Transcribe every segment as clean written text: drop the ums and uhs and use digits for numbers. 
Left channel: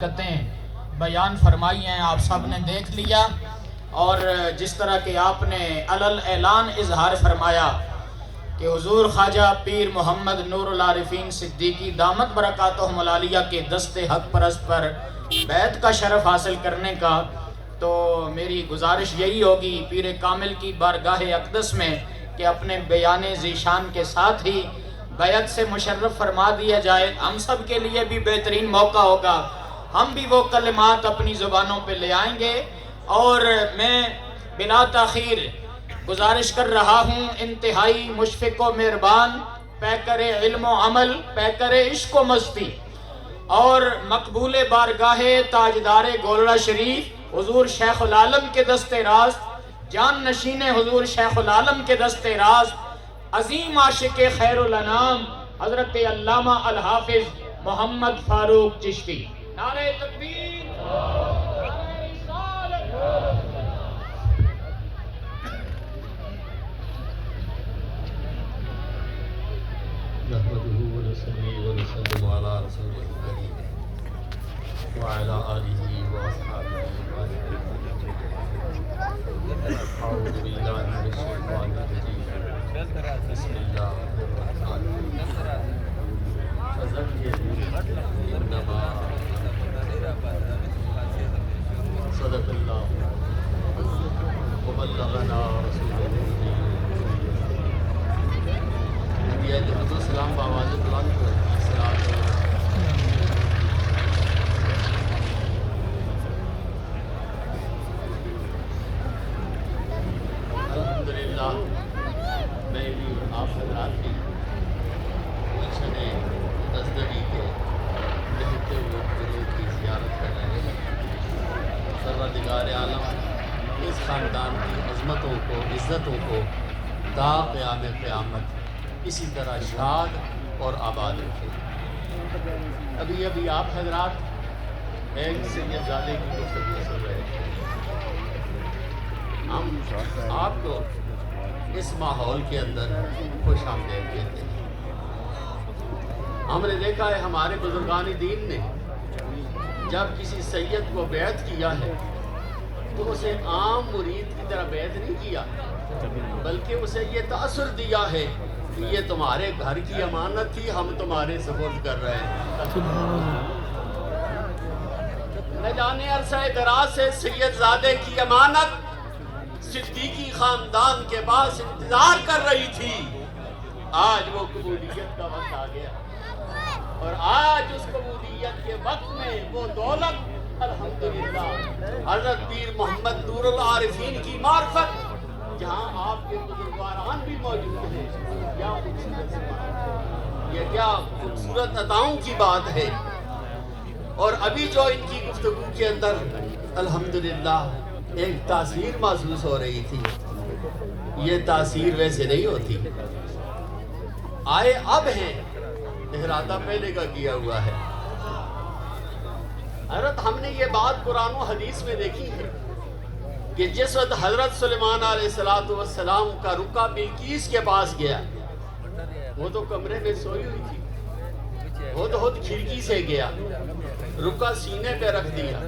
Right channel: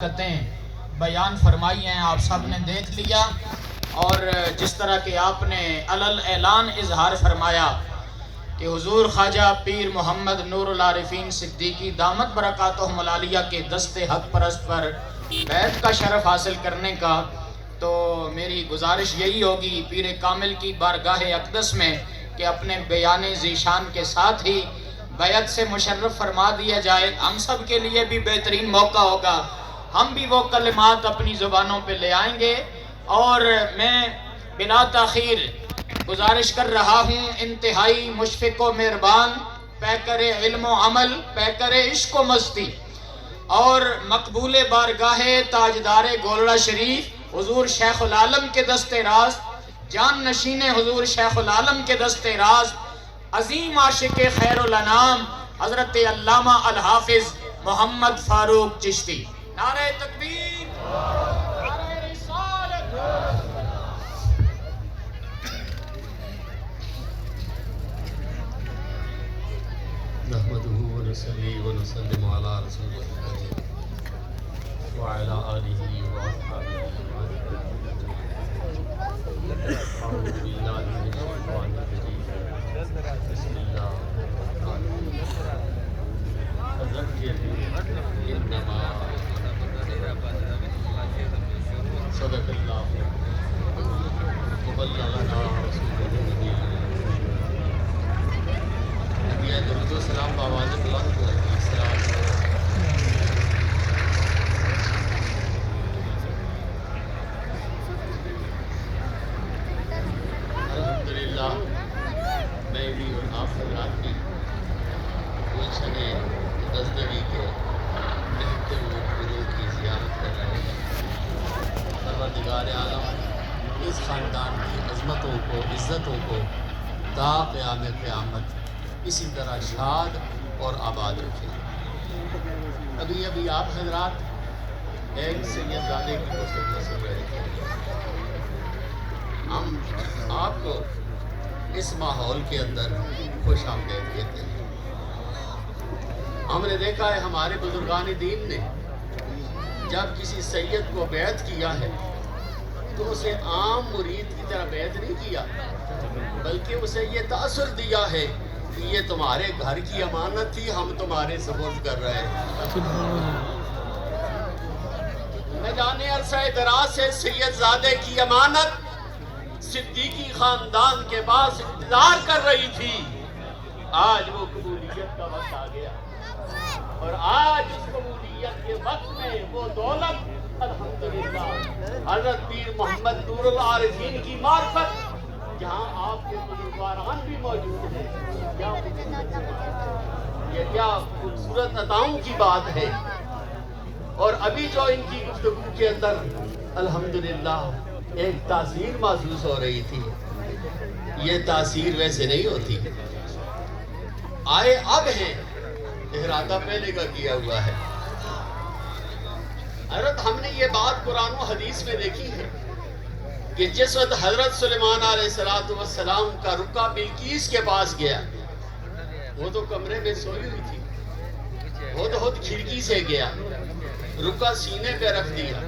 بیان فرمائی ہیں، آپ سب نے دیکھ لیا، اور جس طرح کہ آپ نے علل اعلان اظہار فرمایا کہ حضور خواجہ پیر محمد نور العارفین صدیقی دامت برکاتہم العالیہ کے دست حق پرست پر بیعت کا شرف حاصل کرنے کا، تو میری گزارش یہی ہوگی پیر کامل کی بارگاہ اقدس میں کہ اپنے بیان ذیشان کے ساتھ ہی بیعت سے مشرف فرما دیا جائے۔ ہم سب کے لیے بھی بہترین موقع ہوگا، ہم بھی وہ کلمات اپنی زبانوں پہ لے آئیں گے، اور میں بلا تاخیر گزارش کر رہا ہوں انتہائی مشفق و مہربان پیکر علم و عمل، پیکر عشق و مستی اور مقبول بارگاہ تاجدار گولڑہ شریف حضور شیخ العالم کے دست راست، جان نشین حضور شیخ العالم کے دست راست، عظیم عاشق خیر الانام حضرت علامہ الحافظ محمد فاروق چشتی۔ نعرہ تکبیر، نعرہ رسالت۔ نحمده ونصلي ونسلم على رسوله الكريم وعلى آله وأصحابه أعوذ بالله من الشيطان الرجيم بسم الله الرحمن الرحيم فذكر إنما صدق الله وبلغنا رسوله السلام آواز بلند ہے۔ الحمدللہ میری آپ حضرات کی پوچھنے نزدگی کے بہتے ہوئے گرو کی زیارت کر رہے ہیں۔ پروردگار اعلیٰ اس خاندان کی عظمتوں کو، عزتوں کو تا قیام قیامت اسی طرح شاد اور آباد رکھے۔ ابھی آپ حضرات ایک سید زادے کی گفتگو سن رہے تھے۔ ہم آپ کو اس ماحول کے اندر خوش آمدید کہتے ہیں۔ ہم نے دیکھا ہے ہمارے بزرگان دین نے جب کسی سید کو بیعت کیا ہے تو اسے عام مرید کی طرح بیعت نہیں کیا، بلکہ اسے یہ تاثر دیا ہے کہ یہ تمہارے گھر کی امانت تھی، ہم تمہارے سپرد کر رہے ہیں۔ نہ جانے عرصہ دراز سے سید زادے کی امانت صدیقی خاندان کے پاس انتظار کر رہی تھی۔ آج وہ قبولیت کا وقت آ گیا، اور آج اس قبولیت کے وقت میں وہ دولت الحمدللہ حضرت پیر محمد نور العارفین کی معرفت، جہاں آپ کے بزرگان بھی موجود ہیں، یہ کیا خوبصورت عطاؤں کی بات ہے۔ اور ابھی جو ان کی گفتگو کے اندر الحمدللہ ایک تاثیر محسوس ہو رہی تھی، یہ تاثیر ویسے نہیں ہوتی۔ آئے اب ہیں، ارادہ پہلے کا کیا ہوا ہے۔ حضرت ہم نے یہ بات قرآن و حدیث میں دیکھی ہے کہ جس وقت حضرت سلیمان علیہ السلام کا رکا بلقیس کے پاس گیا، وہ تو کمرے میں سوئی ہوئی تھی، وہ تو خود کھڑکی سے گیا، رکا سینے پہ رکھ دیا۔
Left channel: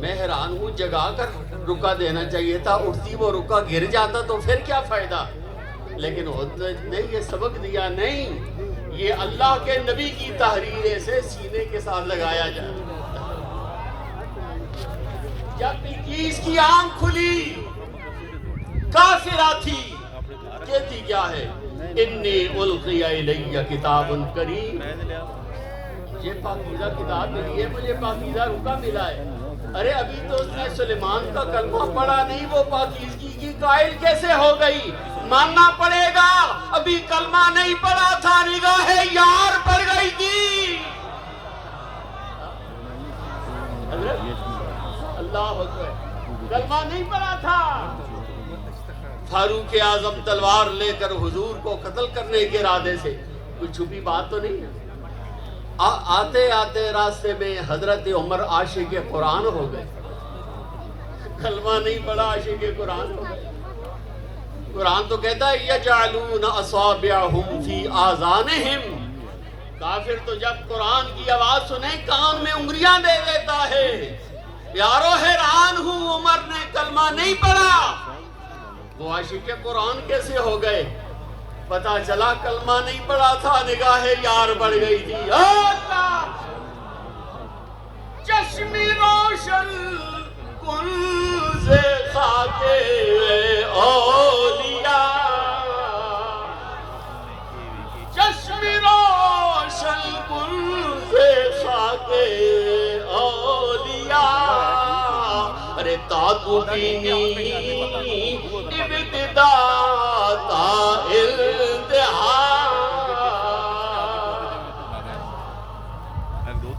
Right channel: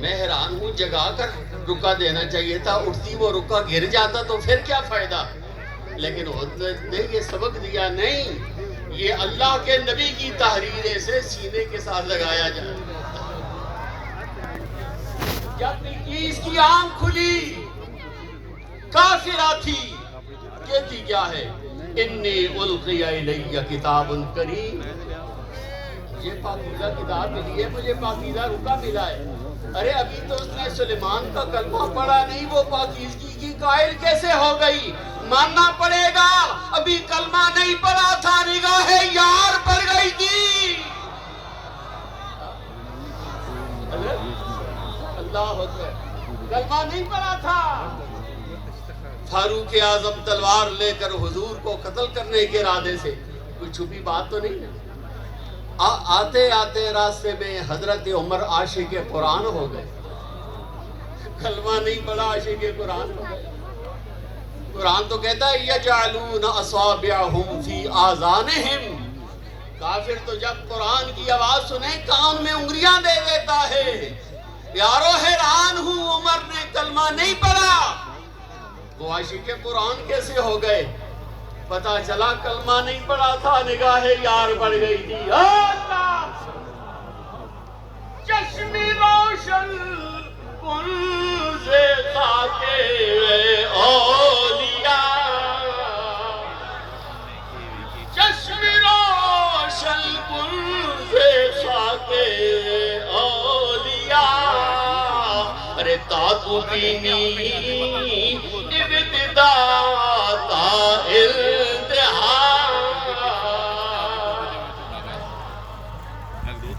میں حیران ہوں، جگا کر رکا دینا چاہیے تھا، اٹھتی وہ رکا گر جاتا تو پھر کیا فائدہ، لیکن حضرت نے یہ سبق دیا، نہیں، یہ اللہ کے نبی کی تحریر سے سینے کے ساتھ لگایا جائے۔ جب بلقیس کی آنکھ کھلی، کافرہ تھی، کہتی کیا ہے؟ انی القی الی کتاب کریم، یہ پاکیزہ کتاب ملی ہے، مجھے پاکیزہ رکا ملا ہے۔ ارے ابھی تو اس نے سلیمان کا کلمہ پڑھا نہیں، وہ پاکیزگی کی قائل کیسے ہو گئی؟ ماننا پڑے گا، ابھی کلمہ نہیں پڑھا تھا، نگاہ یار پڑ گئی تھی۔ اللہ اکبر، کلمہ نہیں پڑھا تھا۔ فاروق اعظم تلوار لے کر حضور کو قتل کرنے کے ارادے سے، کوئی چھپی بات تو نہیں ہے۔ آتے آتے راستے میں حضرت عمر عاشق قرآن ہو گئے، کلمہ نہیں پڑھا، عاشق قرآن ہو گئے۔ قرآن تو کہتا ہے یجعلون اصابعہم فی آذانہم کافر تو جب قرآن کی آواز سنے کان میں انگلیاں دے دیتا ہے. پیارو حیران ہوں عمر نے کلمہ نہیں پڑھا. وہ عاشق قرآن کیسے ہو گئے؟ پتا چلا کلمہ نہیں پڑھا تھا، نگاہ یار بڑھ گئی تھی. اللہ چشمی روشن کن سے خاک اولیاء، چشمی روشن کن سے خاک اولیاء. ارے تاکو بینی ابتدا تا انتہا.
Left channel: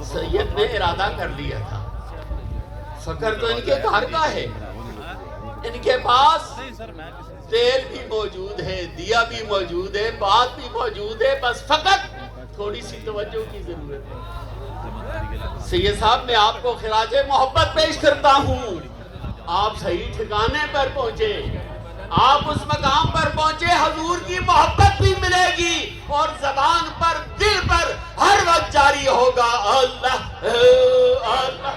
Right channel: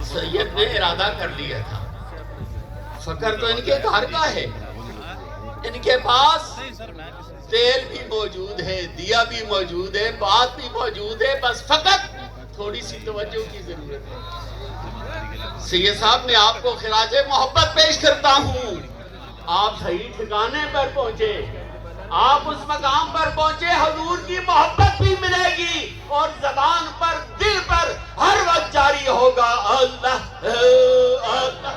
سید نے ارادہ کر لیا تھا، فکر تو ان کے گھر کا ہے، ان کے پاس تیل بھی موجود ہے، دیا بھی موجود ہے، بات بھی موجود ہے، بس فقط تھوڑی سی توجہ کی ضرورت ہے. سید صاحب میں آپ کو خراج محبت پیش کرتا ہوں. آپ صحیح ٹھکانے پر پہنچے، آپ اس مقام پر پہنچے، حضور کی محبت بھی ملے گی اور زبان پر دل پر ہر وقت جاری ہوگا اللہ اللہ.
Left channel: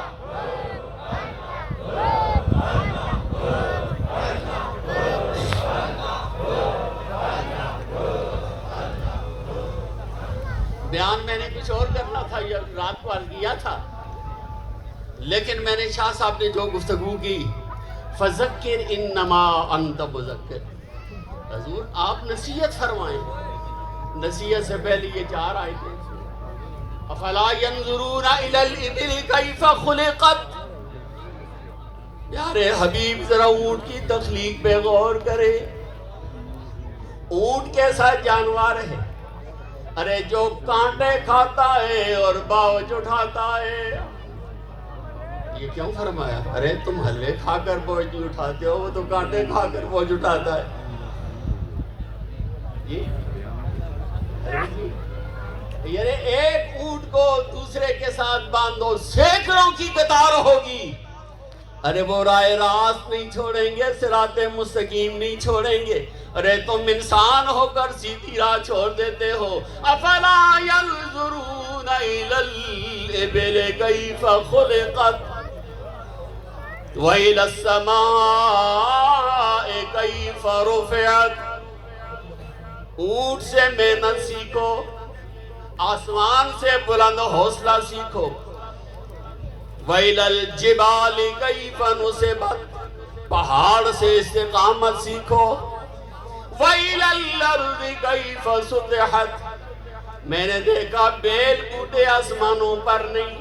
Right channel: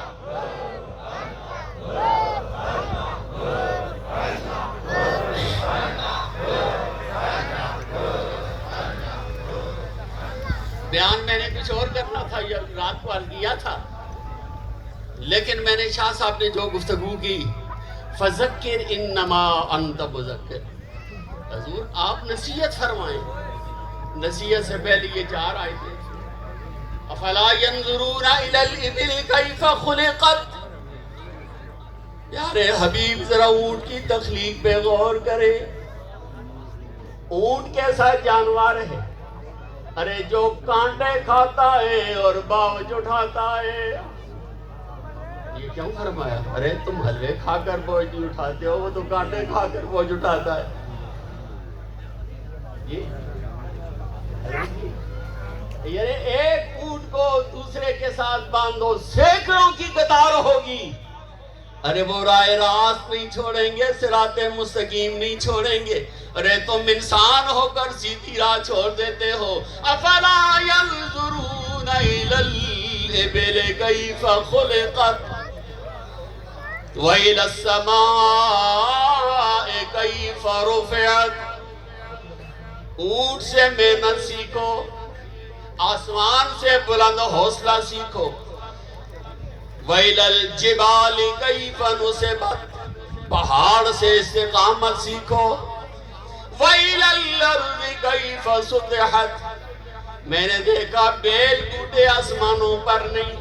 بیان میں نے کچھ اور کرنا تھا، یہ رات کو عرض کیا تھا، لیکن میں نے شاہ صاحب نے جو گفتگو کی فذکر انما انت مذکر، حضور آپ نصیحت فرمائیں. نصیحت سے پہلے یہ 4 آیتیں، افلا ينظرون الى الابل كيف خلقت. پیارے حبیب ذرا اونٹ کی تخلیق پہ غور کرے. اونٹ کیسا جانور ہے؟ ارے جو کانٹے کھاتا ہے اور باوج اٹھاتا ہے. یہ کیوں فرمایا؟ ارے تم حلوے کھا کر بوجھ اٹھاتے ہو، وہ تو کانٹے کھا کر بوجھ اٹھاتا ہے. یعنی ایک اونٹ کو دوسرے کے ساتھ باندھو، سینکڑوں کی قطار ہوگی. ارے وہ راہ راست نہیں چھوڑیں گے، صراط مستقیم نہیں چھوڑیں گے. ارے تم انسان ہو کر سیدھی راہ چھوڑ دیتے ہو. افلا ينظرون الى الابل كيف خلقت وإلى السماء كيف رفعت. اونٹ سے محنت سیکھو، آسمان سے بلند حوصلہ سیکھو. وَإِلَى الْجِبَالِ كَيْفَ نُصِبَتْ، پہاڑ سے استقامت سیکھو. وَإِلَى الْأَرْضِ كَيْفَ سُطِحَتْ، میں نے دیکھا بیل ٹوٹے آسمانوں پر نہیں،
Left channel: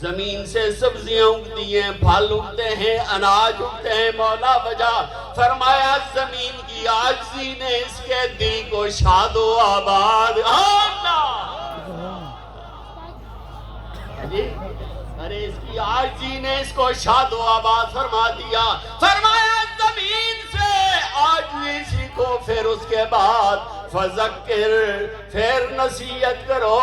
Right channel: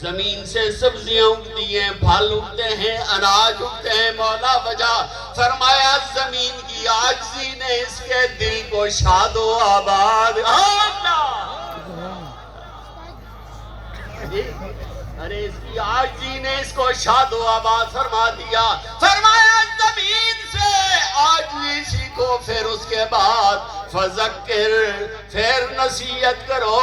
زمین سے سبزیاں اگتی ہیں، پھل اگتے ہیں، اناج اگتے ہیں. مولا وجہ فرمایا زمین کی عاجزی نے اس کے دل کو شاد و آباد. ارے اس کی عاجزی نے اس کو شاد و آباد فرما دیا. فرمایا زمین سے عاجزی سیکھو، پھر اس کے بعد فذکر، پھر نصیحت کرو.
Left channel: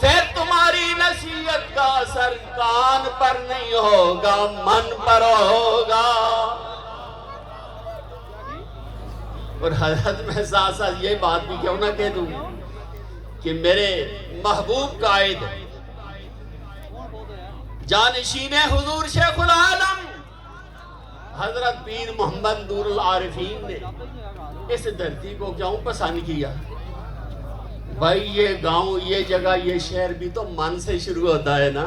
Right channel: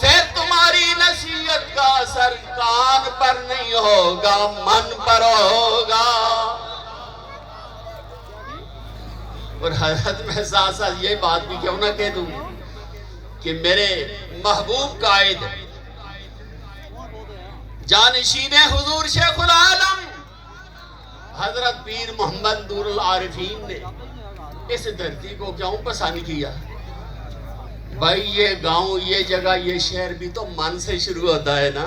پھر تمہاری نصیحت کا اثر کان پر نہیں ہوگا، من پر ہوگا. اور حضرت میں ساتھ ساتھ یہ بات بھی کیوں نہ کہہ دوں کہ میرے محبوب قائد جانشین حضور شیخ العالم حضرت پیر محمد نور العارفین نے اس دھرتی کو کیوں پسند کیا؟ بھائی یہ گاؤں، یہ جگہ، یہ شہر بھی تو من سے شروع ہوتا ہے نا.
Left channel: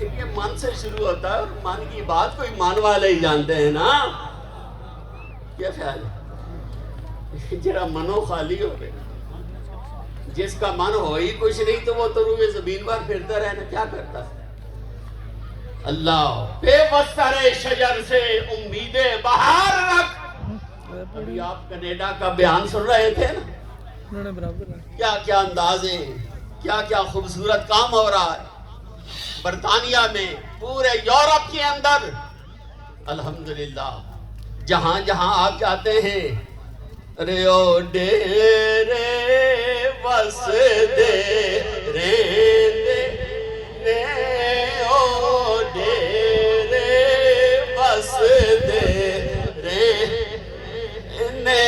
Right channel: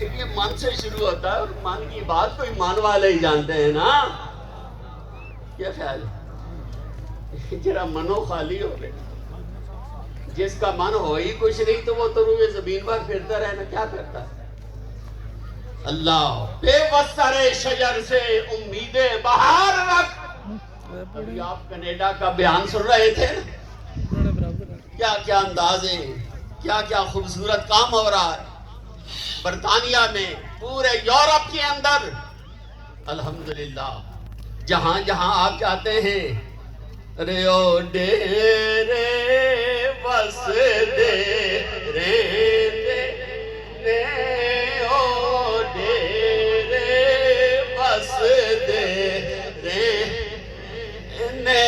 یہ من سے شروع ہوتا ہے، من کی بات کوئی مان والے ہی جانتے ہیں نا. کیا خیال ہے؟ جرا منو خالی ہو گئے، جس کا من ہو ہی کچھ نہیں تو وہ تو روئے زمین پر پھرتا رہنا کیا کرتا ہے. اللہ بے وسر شجر سے امید بہار رکھ. ابھی آپ کینیڈا کا بیان سن رہے تھے، کیا کیا انداز ہے، کیا کیا خوبصورت کام ہو رہا ہے برطانیہ میں، پورے یورپ کے اندر. الحمدللہ جہاں جہاں آپ جاتے ہیں، رے او ڈیرے بس دے رے دے او ڈیرے بس دے رے نے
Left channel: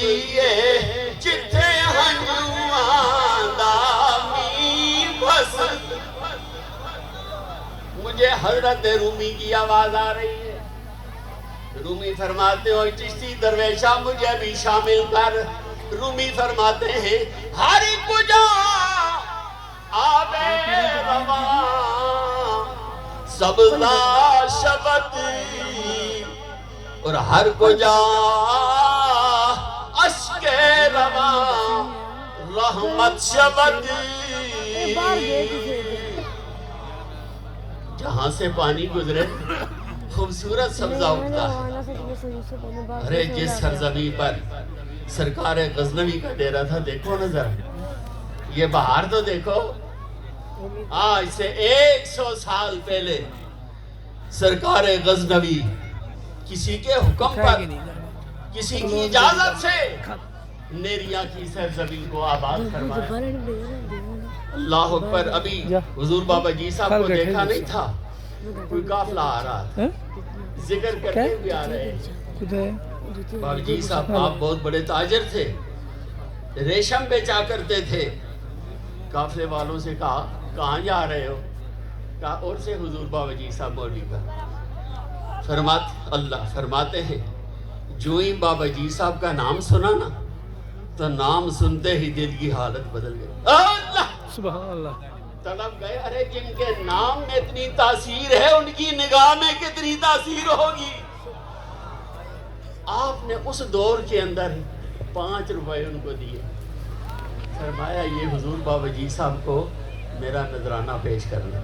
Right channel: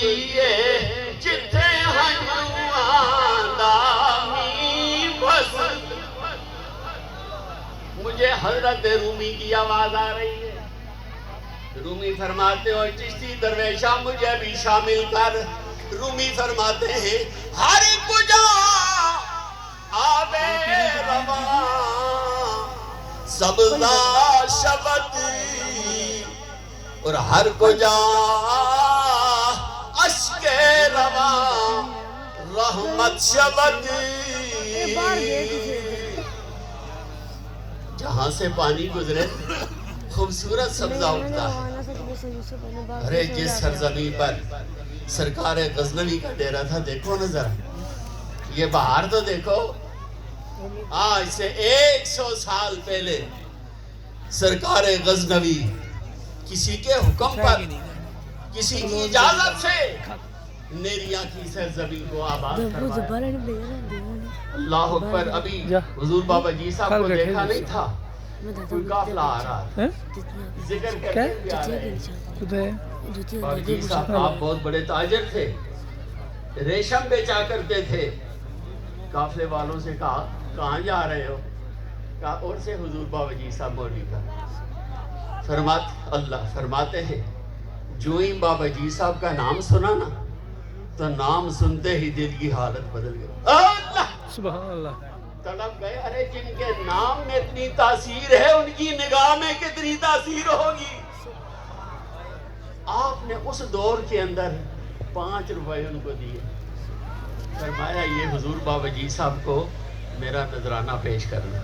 دیے جتھے ہنوان دامی بس. مجھے حضرت رومی کی آواز آ رہی ہے. رومی فرماتے ہو چشتی درویشہ مجھے بھی شامل کر. رومی فرماتے ہیں ہر کجا آبے رواں سبزہ شبد اور ہر کجا اشک رواں رحمت شبد. جہاں سے پانی گزرے خوبصورت سبزہ اٹھتا ہے. ارے جس سرزمین پر سرکار غزنوی کا ڈیرا تھا دیکھو نظر, یہ بہار تو دیکھو. آج سے 100 سال پہلے سرکار غزنوی کسی کے حکم پر کسی کی اجازت سے نیریا کی سرزمین کو آباد کروایا. اللہ اکبر. ابھی حضور بابا جی صاحب کو دیکھا نہیں تھا, کوئی قافلہ آ رہا, ذکر کرتے ہوئے آ رہے ہیں. بابا جی صاحب آپ بہت بڑے تاجر تھے, ریشم بیچا کرتے تھے. قافلے والوں سے کہا کہاں جا رہے ہو؟ کہا اور سے حضور بابا جی صاحب مولوی کا. اللہ فرماتے ہیں جو ہی بابا جی صاحب کا نام سنا نا تو نام سنتے ہی دل کی حالت بدل گئی. اللہ سبحان اللہ. تڑپ گئے. ارے جن کے نام میں اتنی تاثیر ہے ان کی نگاہ میں کتنی تاثیر ہوگی. آپ نے اس دور کے اندر 5 روپے ان کو دیے. فرمایا یہ حضور بابا جی صاحب کو میرا نذرانہ پیش کرنا.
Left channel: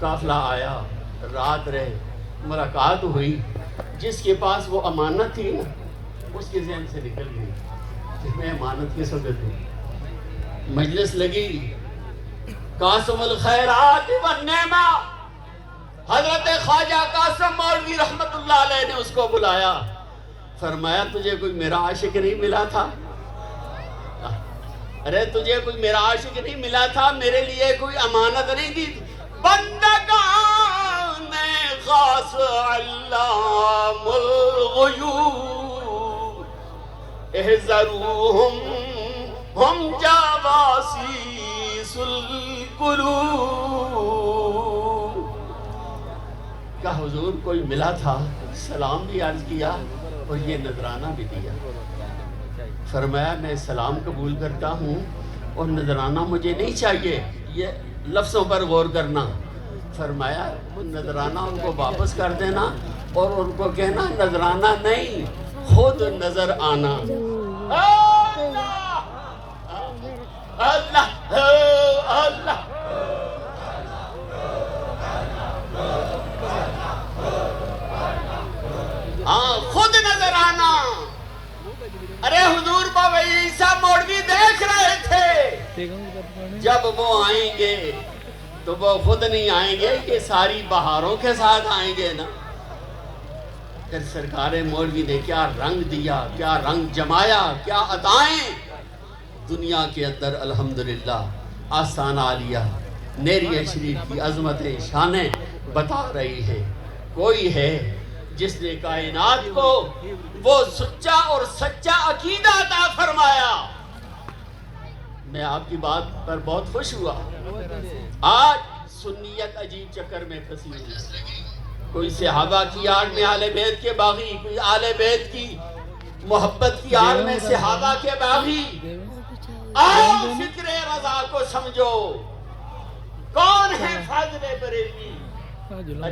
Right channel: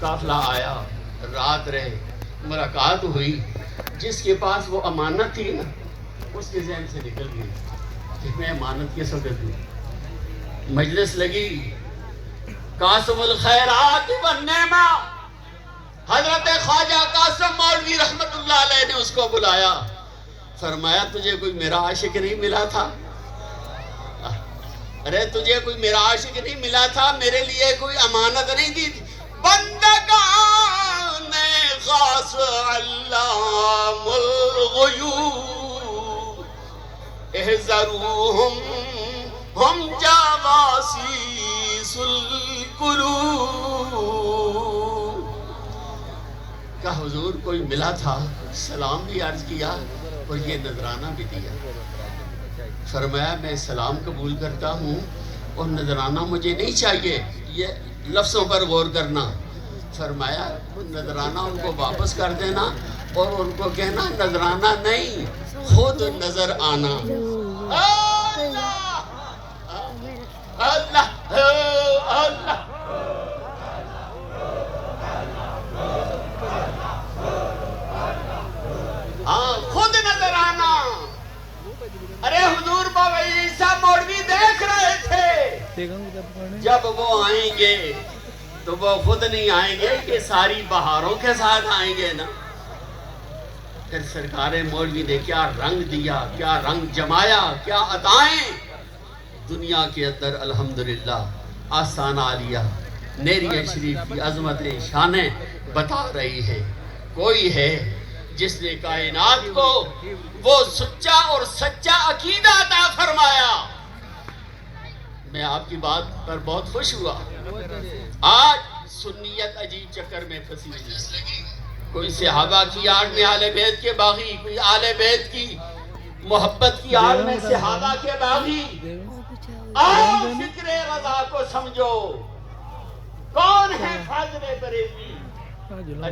قافلہ آیا, رات رہے, ملاقات ہوئی. جس کے پاس وہ امانت تھی نا اس کے ذہن سے نکل گئی کہ میں امانت کس وقت دوں. مجلس لگی, قاسم الخیرات والنعمہ حضرت خواجہ قاسم مولوی رحمت اللہ علیہ نے اس کو بلایا. فرمایا تجھے کوئی میرا عاشق نہیں ملا تھا؟ ارے تجھے کوئی میرا عاشق نہیں ملا تھا؟ میرے لیے کوئی امانت نہیں دی تھی؟ بندگان خاص علام الغیوب احذروہم ہم جواسیس القلوب. کہ حضور کوئی ملا تھا, سلام بھی عرض کیا اور یہ نذرانہ بھی دیا. فرمایا میں سلام قبول کرتا ہوں اور نذرانہ مجھے نہیں چاہیے. یہ لفظوں پر غور کرنا. فرمایا نذرانہ ان کو واپس کر دینا اور ان کو کہنا نذرانہ نہیں خود نظر آنا. اللہ اللہ خود نظر آنا. ارے حضور بابا عیسیٰ مولوی دیکھ رہے تھے جب وہ آئیں گے تو وہ خود نہیں آئیں گے, یہ ساری بہاروں کے ساتھ آئیں گے نا. پھر سرکار مولوی نے کیا رنگ دیا, کیا رنگ جمایا, کیا عطائیں دنیا کے اندر. الحمدللہ آستان عالیہ نیریہ شریف کی عظمتیں شانیں بتا رہی ہے. کوئی ہے جس نے کائنات کو وہ سچا اور سچا عقیدہ عطا فرمایا. میں آپ کی بات پر بہت خوش ہوا. آج سنیت عجیب چکر میں پھنسی ہوئی. کوئی صحابہ کی آڑ میں آل بیت کے باغی, کوئی آل بیت کی محبت کی آڑ میں صحابہ کے باغی. آؤ فکر رضا کو سمجھو, کون ہے فاضل بریلوی.